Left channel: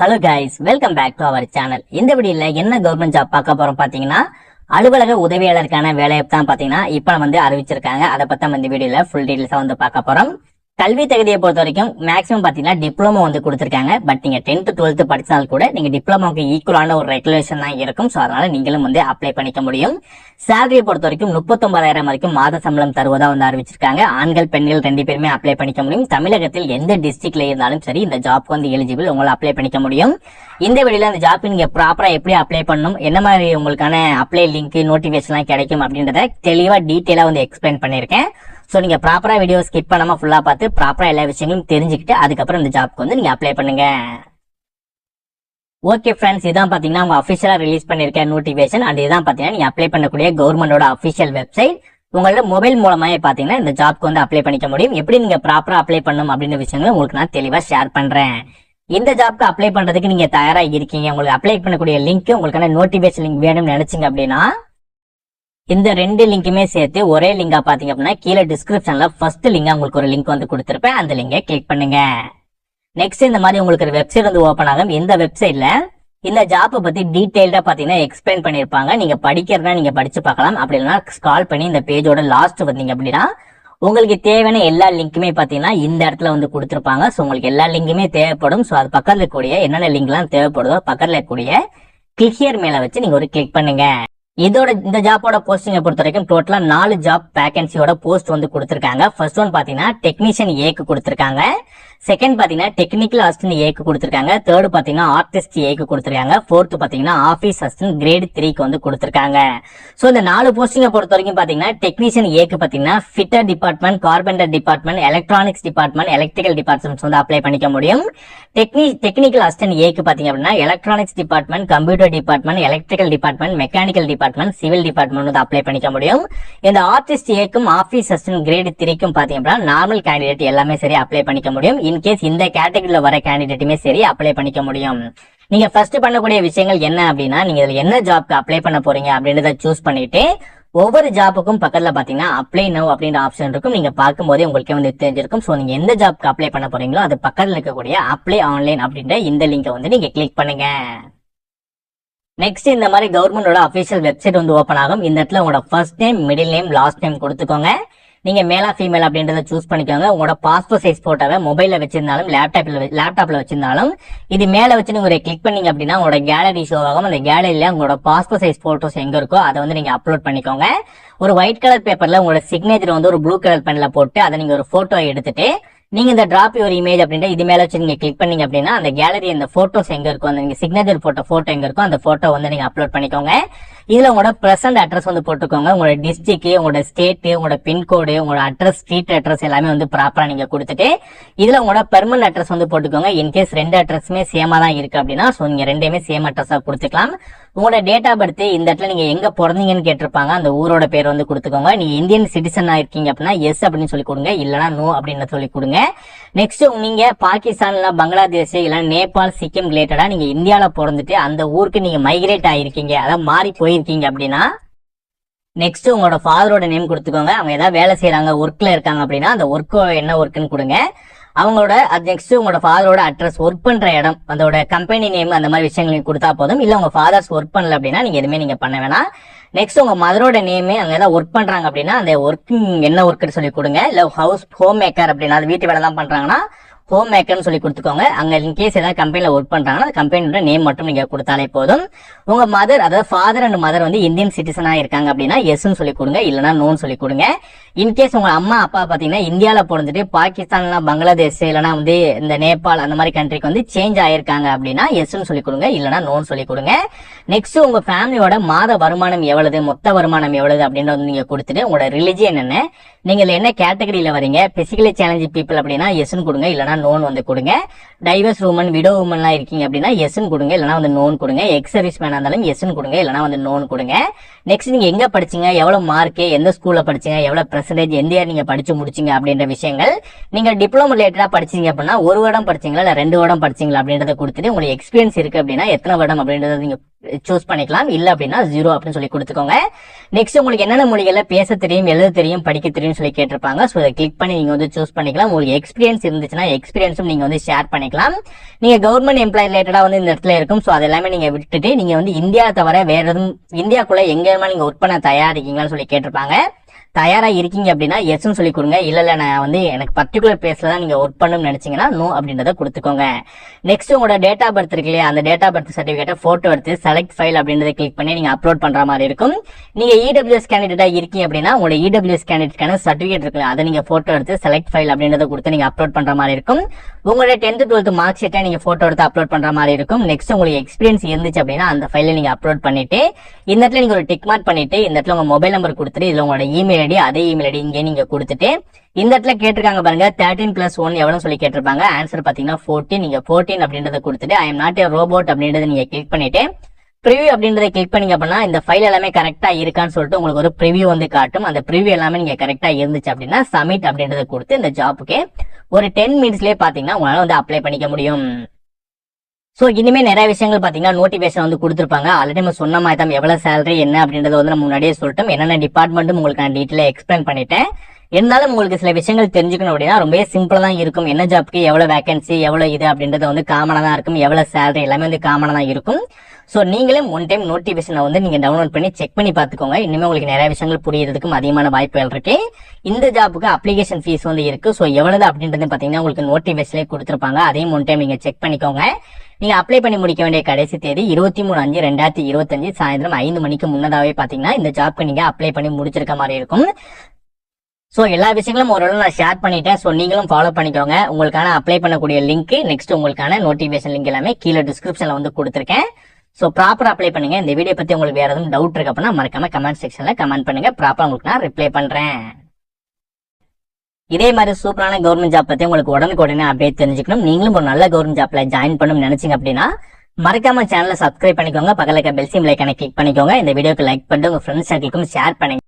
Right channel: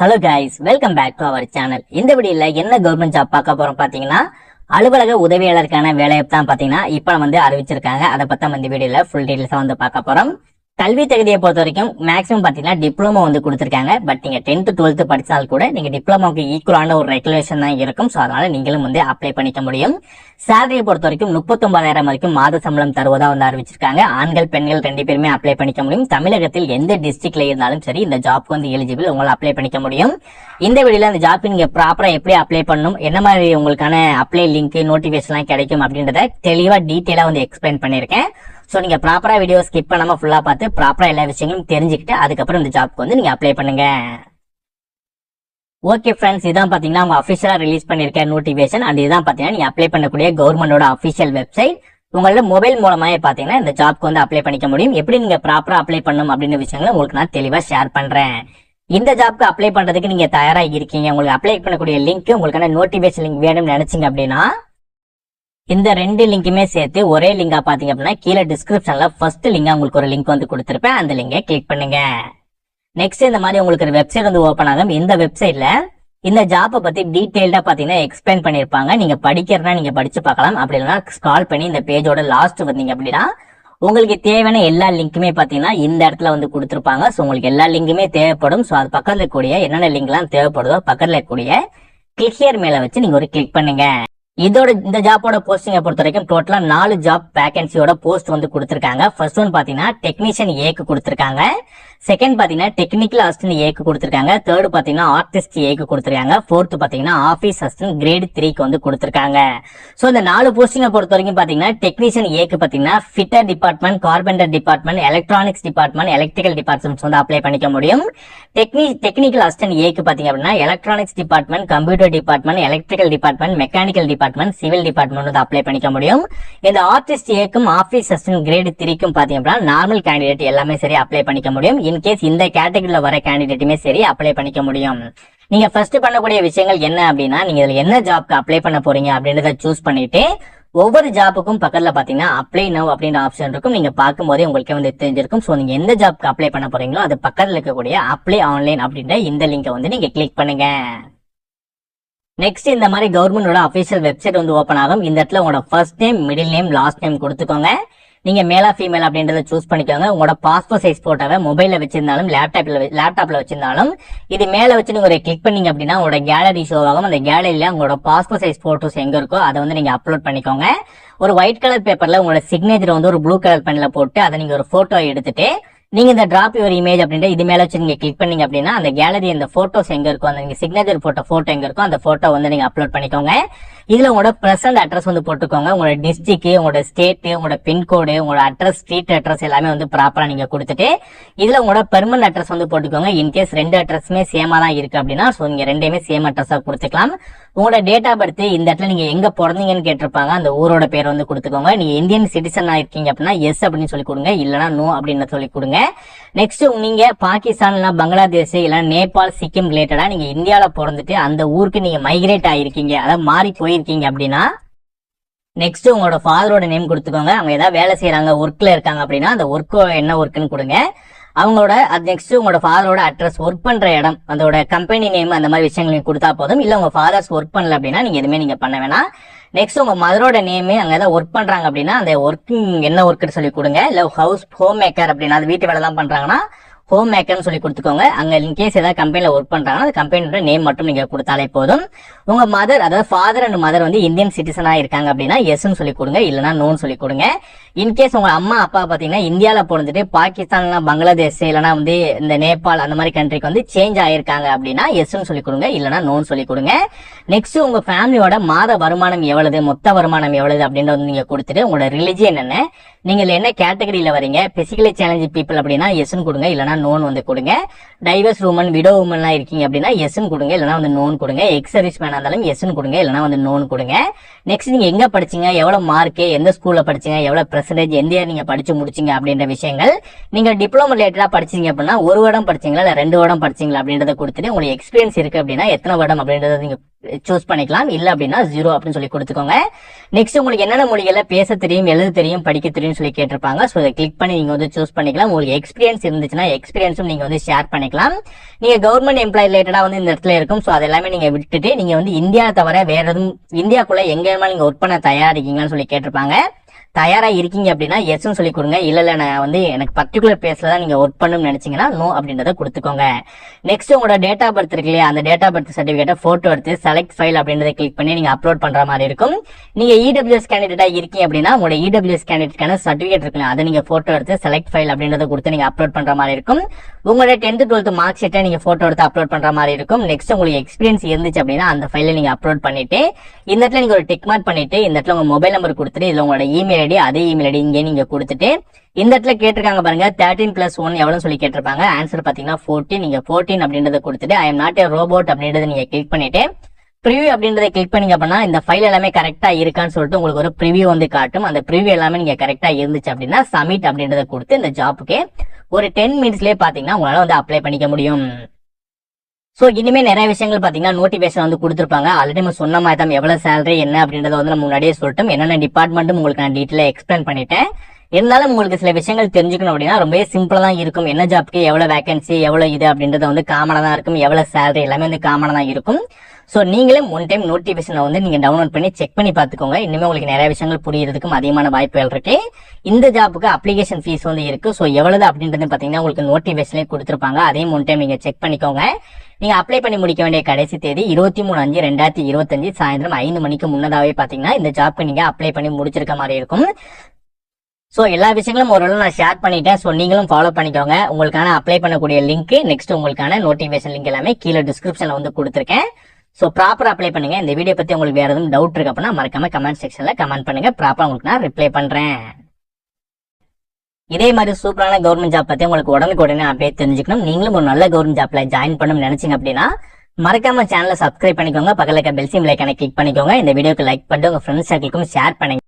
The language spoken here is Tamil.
Hello guys, welcome back to our channel. இந்த வீடியோல என்ன கவர்மெண்ட் ஜாப் பார்க்க போறோம் பாத்தீங்கன்னா, அலுவலக உதவியாளருக்கான வேலையை தான் பாத்தீங்கன்னா இப்ப அறிவிச்சிருக்காங்க. அதை பத்தி இந்த வீடியோல ஃபுல் டீடைல்ஸா பார்க்க போறோம். கல்வி தகுதியை பொறுத்த வரைக்கும் மேக்ஸிமம் பாத்தீங்கன்னா டிப்ளமோ கொடுத்திருக்காங்க. பட் நீங்க 10th 12th படிச்சால் கூட நீங்க டிப்ளமோக்கு ஈக்குவலான ஒரு ரெகுலேஷன் தான் இருக்கும். சோ அதனால நீங்களும் அப்ளை பண்ணிக்க முடியும். சேலரியை பொறுத்த வரைக்கும் 39,000 வரைக்கும் மாத சம்பளம் தருவதா அறிவிச்சிருக்காங்க. ஆண்கள் பெண்கள் 2 பேருமே அப்ளை பண்ணிக்க முடியும். தமிழகத்தில் எந்த டிஸ்ட்ரிக்ட்ல இருந்தாலும் சரி இந்த ஜாப்க்கு எலிஜிபிள், உங்களை அப்ளை பண்ணிக்க முடியும். இந்த வீடியோல அந்த ஜாப் நீங்க ப்ராப்பரா எப்படி அப்ளை பண்ணணும், என்ன மாதிரி உங்களுக்கான அப்ளை லிங்க் நோட்டிபிகேஷன் எல்லாம் கிடைக்கும் அப்படின்றத தெளிவா டீடைலா எக்ஸ்பிளைன் பண்ணிருக்கேன். சோ நீங்க ப்ராப்பரா வீடியோ ஸ்கிப் பண்ணாம ஃபுல்லா பார்த்து ப்ராப்பரா எல்லா விஷயங்களும் தெரிஞ்சுக்கிட்டு அதுக்கப்புறம் இந்த ஜாப்க்கு நீங்க அப்ளை பண்ணுங்க. ஓகே ஃப்ரெண்ட்ஸ், இதான் பாத்தீங்கன்னா அவங்க அபிஷியலா ரிலீஸ் பண்ணிருக்க நோட்டிபிகேஷன். அண்ட் இதான் பாத்தீங்கன்னா நீங்க அப்ளை பண்ணக்கூடிய கவர்மெண்டோட அபிஷியல் வெப்சைட். உங்களோட மொபைல் மூலமா பாத்தீங்கன்னா இந்த ஜாப்க்கு அப்ளை பண்ணிக்க முடியும். எப்படி நீங்க ப்ராப்பரா அப்ளை பண்ணணும் அப்படின்ற விஷயங்களை உங்களுக்கு நான் தெளிவா ஷேர் பண்றேன். இந்த ஜாப்க்கு அப்ளை பண்றதுக்கு நீங்க தயாரா இருக்கீங்க, உங்களுக்கு அப்ளை பண்ணக்கூடிய லிங்க், உங்களுக்கான நோட்டிபிகேஷன் லிங்க் வேணும்னு நினைச்சீங்க அப்படின்னா இந்த 2 லிங்குமே சேர்த்து ஒரே லிங்கா பாத்தீங்க அப்படின்னா கீழே டிஸ்கிரிப்ஷன்ல ஃபர்ஸ்ட் லிங்கா உங்களுக்கு ஒரு லிங்க் கொடுத்திருப்பேன். அந்த லிங்கை கிளிக் பண்ணுங்க. நெக்ஸ்ட் இந்த மாதிரி உங்களுக்கு ஒரு வெப்சைட் ஓபன் ஆகும். இந்த வெப்சைட்ல இந்த ஜாப்பை பத்தி டீடைல்டா பாத்தீங்கன்னா எக்ஸ்பிளைன் பண்ணிருப்பாங்க. நீங்க படிக்கிறதா நீங்க படிச்சு பார்க்கலாம். அப்படி இல்லைன்னா ஸ்க்ரால் பண்ணி இந்த பேஜோட லாஸ்ட் வந்தீங்க அப்படின்னா உங்களுக்கு தேவையான எல்லா லிங்க்குமே பாத்தீங்கன்னா இந்த இடத்துல கொடுத்திருப்பாங்க. சோ உங்களுக்கு எல்லா லிங்குமே தேவைப்படும். சோ அது பக்கத்துல இருக்கக்கூடிய என்னென்ன லிங்க் எல்லாம் தேவைப்படுதோ பக்கத்துல இருக்கக்கூடிய கிளிக் ஹியர் மேல வச்சு நீங்க ஒரு கிளிக் பண்ணுங்க. இதோட இந்த ஜாப்போட போஸ்டிங்கை பொறுத்த வரைக்கும் டோட்டலா 4 ஜாப் வேகன்சியோட போஸ்ட் கொடுத்திருக்காங்க. ஃபர்ஸ்ட் ஒன் பாத்தீங்கன்னா டெக்னீஷியன் ஏக்கு கொடுத்திருக்காங்க. செகண்ட் பாத்தீங்கன்னா டெக்னிக்கல் அசிஸ்டன்ட் ஏக்கு கொடுத்திருக்காங்க. தேர்ட் பாத்தீங்கன்னா ஆர்டிஸ்ட் ஏக்கு கொடுத்திருக்காங்க. ஃபோர்த் பாத்தீங்கன்னா ஆபீஸ் அசிஸ்டன்ட் கிரேட் 3க்கு கொடுத்திருக்காங்க. சோ இந்த 4 போஸ்டிங்கை பொறுத்த வரைக்கும் பாத்தீங்கன்னா டெக்னீஷியன் ஏக்கு பாத்தீங்கன்னா fitter department, carpenter department, electronics department, electrical departments apply பண்ணிக்க முடியும். டெக்னிக்கல் அசிஸ்டன்ட் ஏக்கு பாத்தீங்க அப்படின்னா electronics department, computer department, electrical department, mechanical department, civil department apply பண்ணிக்க முடியும். இந்த ஆர்டிஸ்ட் ஏக்கும் ஆபீஸ் அசிஸ்டன்ட் கிரேட் 3க்கும் பாத்தீங்க அப்படின்னா நார்மல் கேண்டிடேட் எல்லாமே சரி அப்ளை பண்ணிக்க முடியும். இன்கேஸ் இந்த கேட்டகரியில வர கேண்டிடேட்டுமே சரி அப்ளை பண்ணிக்க முடியும். நீங்க ஃபர்ஸ்ட் பண்ணக்கூடிய விஷயங்கள் என்ன அப்படின்னா, நீங்க இதுல என்ன ஜாப்க்கு அப்ளை பண்ண போறீங்க அப்படின்றத சூஸ் பண்ணிட்டு ஒவ்வொரு ஜாப்புக்கும் பக்கத்துல பாத்தீங்கன்னா அப்ளை நவ் அப்படின்ற ஆப்ஷன் இருக்கும். நீங்க பார்க்கும் போதே உங்களுக்கு தெரிஞ்சிருக்கும். சோ நீங்க எந்த ஜாப்க்கு அப்ளை பண்ண போறீங்களோ அது பக்கத்துல இருக்கக்கூடிய அப்ளை ஆன்லைன் அப்படின்ற இந்த லிங்கை நீங்க கிளிக் பண்ணுங்க. நெக்ஸ்ட் இந்த மாதிரி கவர்மெண்டோட அபிஷியல் வெப்சைட் ஓபன் ஆகும். இந்த இடத்துல உங்களோட first name, middle name, last name கொடுத்துக்கோங்க. நீங்க மேலா ஃபீமேல் அப்படின்றத சூஸ் பண்ணிக்கோங்க. உங்களோட பாஸ்போர்ட் சைஸ் போட்டோவை மொபைல்ல வச்சிருந்தாலும் லேப்டாப்ல வச்சிருந்தாலும் இது மேல வச்சு நீங்க ஒரு கிளிக் பண்ணீங்க அப்படின்னா உங்களோட கேலரி ஷோ ஆகும். அந்த கேலரியில உங்களோட பாஸ்போர்ட் சைஸ் போட்டோஸ் எங்க இருக்கோ அதை நீங்க அப்லோட் பண்ணிக்கோங்க. ஒரு ஒயிட் கலர் பேப்பர்ல உங்களோட சிக்னேச்சர் ஒரு ப்ளூ கலர் பென்ல போட்டு அதை நீங்க ஒரு போட்டோ எடுத்துட்டு நீங்க இந்த டிராப் யுவர் இமேஜ் அப்படின்ற இது மேல வச்சு நீங்க கிளிக் பண்ணீங்க அப்படின்னா அந்த கேலரி இந்த போட்டோஸ் எங்க இருக்கும், அந்த நீங்க சிக்னேச்சர் போட்ட போட்டோ எங்க இருக்கும் அந்த போட்டோ நீங்க அப்லோட் பண்ணிக்கோங்க. இதுல உங்களோட பிரசன்ட் அட்ரஸ் போட்டுக்கோங்க. உங்களோட டிஸ்ட்ரிக்ட், உங்களோட ஸ்டேட், உங்களோட பின்கோடு, உங்களோட அட்ரஸ், ஸ்ட்ரீட் அட்ரஸ் எல்லாமே ப்ராப்பரா நீங்க கொடுத்துட்டு இதுல உங்களோட பெர்மனன்ட் அட்ரஸ் போட்டுக்கோங்க. இன்கேஸ் 2 அட்ரஸுமே சேமா தான் இருக்கு அப்படின்னா சோ நீங்க 2மே சேம் அட்ரஸா கொடுத்துக்கலாம். உங்களோட டேட் ஆஃப் பர்த், இந்த இடத்துல நீங்க எங்க பிறந்தீங்கன்னு கேட்டிருப்பாங்க, அந்த ஊரோட பேர் கொடுத்துக்கோங்க. நீங்க இந்தியன் சிட்டிசனா இருக்கீங்க அப்படின்னா எஸ் அப்படின்னு சொல்லி கொடுங்க, இல்லனா நோ அப்படின்னு சொல்லி கொடுங்க. நெக்ஸ்ட் நீங்க பாகிஸ்தான், பங்களாதேஷ், இல்ல நேபாள், சிக்கிம் ரிலேட்டடா நீங்க இந்தியால பிறந்துட்டு அந்த ஊருக்கு நீங்க மைக்ரேட் ஆயிருக்கீங்க, அதான் மாறி போயிருக்கீங்க அப்படின்னா நெக்ஸ்ட் உங்களோட ஃபாதரோட நேம் கொடுத்துக்கோங்க. அவங்க ஏதாவது வேலை செய்யறாங்க, ஒர்க்ல இருக்காங்க அப்படின்னா அந்த ஒர்க் என்ன ஒர்க்குன்னு கொடுங்க. அவங்களோட நெக்ஸ்ட் உங்களோட ஃபாதரோட அட்ரஸ், ஒர்க் பண்ற இடம், அதோட கம்பெனி நேம், அந்த மாதிரி விஷயங்களையும் கொடுத்தா போதும். இல்ல உங்க ஃபாதர்ஸ் ஒர்க் பண்ணல அப்படின்னா நீங்க எதுவுமே நீங்க பண்ண வேணாம். நெக்ஸ்ட் உங்க மதரோட நேம், அங்க ஏதாவது ஒர்க் பண்றாங்க அப்படின்னா அந்த ஒர்க்கிங் என்ன ஒர்க்குன்னு சொல்லி கொடுங்க. இல்ல ஹோம் மேக்கர் அப்படின்னா அது வீட்டு வேலை தான் பண்றாங்கன்னா ஹோம் மேக்கர்னு சொல்லி கொடுத்துக்கோங்க. அங்க இன்கேஸ் ஏதாவது கம்பெனில ஒர்க் பண்றாங்கன்னா அந்த கம்பெனியோட நேம் மட்டும் நீங்க கொடுத்தாலே போதும். உங்க மதர், அதாவது ஃபாதர் அண்ட் மதர் இந்தியன் சிட்டிசனா இருக்காங்க அப்படின்னா எஸ்ன்னு சொல்லி கொடுங்க, இல்லனா நோன்னு சொல்லி கொடுங்க. இன்கேஸ் உங்க அம்மா அப்பா பாத்தீங்கன்னா இந்தியால பிறந்துட்டு பாகிஸ்தான், பங்களாதேஷ், இல்லனா இந்த நேபாள் அந்த மாதிரி கண்ட்ரிக்கு சேஞ்ச் ஆயிருக்காங்க அப்படின்னா எஸ்ன்னு சொல்லி கொடுங்க, இல்லனா நோன்னு சொல்லி கொடுங்க. நெக்ஸ்ட் உங்க ஃபேமிலியோட மாத வருமானம் எவ்வளவு, மொத்த வருமானம் எவ்வளவு அப்படின்றது நீங்க கொடுத்துட்டு உங்களோட ரிலிஜியன் என்ன, நீங்க என்ன கேட்டகரியில வரீங்க, பிசிக்கலி சேலஞ்ச் பீப்புள் அப்படின்னா எஸ்ன்னு கொடுங்க, இல்லனா நோன் கொடுங்க. டைவர்ஸ் உமன், விடோ உமன் எல்லாம் இருக்கீங்க அப்படின்னா எஸ்ன்னு கொடுங்க, இல்லனா நோன் கொடுங்க. எக்ஸ் சர்வீஸ் மேனா இருந்தாலும் எஸ்ன்னு கொடுங்க, இல்லனா நோன் கொடுங்க. நெக்ஸ்ட் நீங்க எங்க படிச்சீங்க, எவ்வளவு மார்க், எந்த ஸ்கூல்ல படிச்சீங்க, எவ்வளவு பெர்சன்டேஜ், எந்த இயர் நீங்க படிச்சு முடிச்சீங்க அப்படின்ற விஷயங்கள். நீங்க டிப்ளமோ ரிலேட்டடா படிச்சீங்க அப்படின்னா 1 வருடம் படிச்சீங்களா இல்ல 2 வருடம் படிச்சீங்களா அப்படின்றத கொடுத்துட்டு உங்களுக்கு எக்ஸ்பீரியன்ஸ் இருக்கு அப்படின்னா எத்தனை வருடம் அப்படின்றத நீங்க சூஸ் பண்ணிக்கலாம். இல்ல அப்படின்னா 0 அப்படின்னு சொல்லி கொடுத்துக்கோங்க. நெக்ஸ்ட் உங்களுக்கு என்னென்ன மொழிகள்ல பேச தெரியும், எழுத தெரியும், படிக்க தெரியும் சொல்லி கேட்டிருப்பாங்க. ஸோ இதை கிளிக் பண்ணி நீங்க வந்து சூஸ் பண்ணிக்கலாம். உங்களுக்கு எக்ஸ்பீரியன்ஸ் இருந்துச்சுன்னா எக்ஸ்பீரியன்ஸும் நீங்க வந்து ஷேர் பண்ணிக்கலாம். நீங்க கவர்மெண்ட் எம்ப்ளாய் ரிலேட்டடா வந்து இந்த இடத்துல இருக்கும். ஸோ அது எல்லாமே நீங்க விட்டுட்டு நீங்க வந்து இந்தியா தவிர வேற எதுவும் இந்தியாக்குள்ள எங்க நீங்க ஒர்க் பண்ண தயாரா இருக்கீங்களான்னு சொல்லி கேட்டிருப்பாங்க. தயாரா இருக்கீங்க அப்படின்னா எஸ்ன்னு சொல்லி கொடுங்க. இல்ல நான் வந்து எனக்கு பர்டிகுலர் பிளேஸ்ல தான் நீங்க ஒர்க் பண்ணணும்னு நினைச்சீங்கன்னா நோ அப்படின்றத கொடுத்துக்கோங்க. நெக்ஸ்ட் உங்களோட டேட் ஆஃப் பர்த் இருக்கு இல்லையா, அந்த டேட் ஆஃப் பர்த் சர்டிபிகேட்டை போட்டோ எடுத்து செலக்ட் ஃபைல் அப்படின்றத கிளிக் பண்ணி நீங்க அப்லோட் பண்ற மாதிரி இருக்கும். நீங்க இடபிள்யூஎஸ் கேண்டிடேட்டா இருக்கீங்க அப்படின்னா உங்களோட இடபிள்யூஎஸ் கேண்டிடேட்கான சர்டிபிகேட் இருக்குல்ல, அதை நீங்க போட்டோ எடுத்து செலக்ட் ஃபைல் அப்படின்றத கொடுத்து நீங்க அப்லோட் பண்ற மாதிரி இருக்கும். உங்களோட 10th 12th மார்க் ஷீட்டை நீங்க போட்டோ எடுத்து அப்லோட் பண்ற மாதிரி இருக்கும். நெக்ஸ்ட் உங்களுக்கு எக்ஸ்பீரியன்ஸ் இருந்துச்சு அப்படின்னா அந்த ஃபைலை நீங்க அப்லோட் பண்ணிட்டு இந்த இடத்துல நீங்க ஒரு டிக் மார்க் பண்ணிட்டு இந்த இடத்துல உங்க மொபைல் நம்பர் கொடுத்துட்டு இதுல உங்களோட இமெயில் ஐடி, அதே இமெயில் ஐடி இங்கே நீங்க கொடுத்துட்டு இந்த இடத்துல கேட்டிருக்காங்க பாருங்க 13+1 எவ்வளவு சொல்லி கேட்டிருப்பாங்க. ஆன்சர் பாத்தீங்கன்னா 14. நீங்க 14 அப்படின்றத கொடுத்துட்டு I am not a robot அப்படின்றத நீங்க கிளிக் பண்ணிட்டு ப்ரிவியூ அப்படின்றத கிளிக் பண்ணீங்க அப்படின்னா இந்த ஃபைல் எல்லாமே கரெக்டா இருக்கான்னு சொல்லிட்டு உங்களுக்கு ஒரு ப்ரிவியூ வந்து காட்டும். அந்த ப்ரிவியூ எல்லாமே நீங்க கரெக்டா இருந்துச்சு அப்படின்னா சப்மிட் அப்படின்றத கொடுத்து இந்த ஜாப்புக்கு ஒரு 10 மினிட்ஸ்லயே பாத்தீங்கன்னா உங்களால வந்து அப்ளை பண்ணிக்க முடியும். சோ இனிமே நிறைய விஷயங்கள் பாத்தீங்கன்னா நோட்டிபிகேஷன் வந்து கொடுத்துருப்பாங்க. ஆல்ரெடி நம்ம சொன்ன மாதிரி தான் எவ்வளவு சேலரி என்ன அப்படின்றத வந்து நம்ம முன்னாடியே சொல்லிட்டோம். என்னென்ன டிபார்ட்மெண்ட்டும் உங்களுக்கு நான் டீட்டெயிலா எக்ஸ்பிளைன் பண்ணிட்டேன். இருந்தாலும் உங்களுக்கு சில விஷயங்கள் தெரிஞ்சுக்கணும் அப்படின்னா ரொம்பவே சிம்பிளா தான் இருக்கும். என்ன ஜாப்க்கு எவ்வளவு வேகன்சி, எவ்வளவு இது அப்படின்றது வந்து காமனா தான் இருக்கும். எவ்வளவு சேலரி எல்லாமே வந்து காமனா தான் இருக்கும். சோ நீங்களே ஒன் டைம் நோட்டிபிகேஷனை வந்து நீங்க டவுன்லோட் பண்ணி செக் பண்ணி பாத்துக்கோங்க. இனிமே உங்களுக்கு நிறைய விஷயங்கள் புரியறதுக்கும் அதிகமான வாய்ப்புகள் இருக்கு. இந்த ஜாப்புக்கு அப்ளிகேஷன் ஃபீஸ் வந்து இருக்கு. சோ எவ்வளவு அப்படின்றது பாத்தீங்கன்னா உங்களுக்கு நோட்டிபிகேஷன்லேயே கொடுத்துருப்பாங்க. அதையும் ஒன் டைம் நீங்க செக் பண்ணிக்கோங்க. நீங்க அப்ளை பண்ணி முடிக்க வேண்டிய கடைசி தேதி 23/5/2025 சாயந்தரம் 5 மணிக்கு முன்னதாவே பாத்தீங்கன்னா இந்த ஜாப்க்கு நீங்க அப்ளை பண்ணி முடிச்சிருக்க மாதிரி இருக்கும். சோ எல்லா விஷயங்களும் ஓரளவு நான் ஷேர் பண்ணிட்டேன். சோ நீங்களும் ஃபாலோ பண்ணிக்கோங்க. உங்களுக்கான அப்ளை பண்ணக்கூடிய லிங்க், நெக்ஸ்ட் உங்களுக்கான நோட்டிபிகேஷன் லிங்க் எல்லாமே கீழே டிஸ்கிரிப்ஷன்ல வந்து கொடுத்துருக்கேன். சோ ப்ராப்பரா அப்ளை பண்ணுங்க. இந்த வீடியோ பத்தி உங்களுக்கு வேற எதுவும் டவுட் இருக்கு அப்படின்னா மறக்காம கமெண்ட் செக்ஷன்ல கமெண்ட் பண்ணுங்க. ப்ராப்பரா உங்களுக்கு நான் ரிப்ளை பண்றேன். இதே மாதிரி சூப்பரான கவர்மெண்ட் ஜாப் பத்தி உங்களுக்கு உடனே அப்டேட் தெரிஞ்சுக்கணும். நீங்களும் ஒரு நல்ல கவர்மெண்ட் ஜாப்ல ஜாயின் பண்ணணும்னு நினைச்சீங்க அப்படின்னா மறக்காம சேனலை சப்ஸ்கிரைப் பண்ணிக்கோங்க. பக்கத்துல இருக்க பெல் சிம்பல் ஐகானை கிளிக் பண்ணிக்கோங்க. இந்த வீடியோக்கு லைக் பண்ணிட்டு உங்க ஃப்ரெண்ட்ஸ் சர்க்கிளுக்கும் ஷேர் பண்ணுங்க.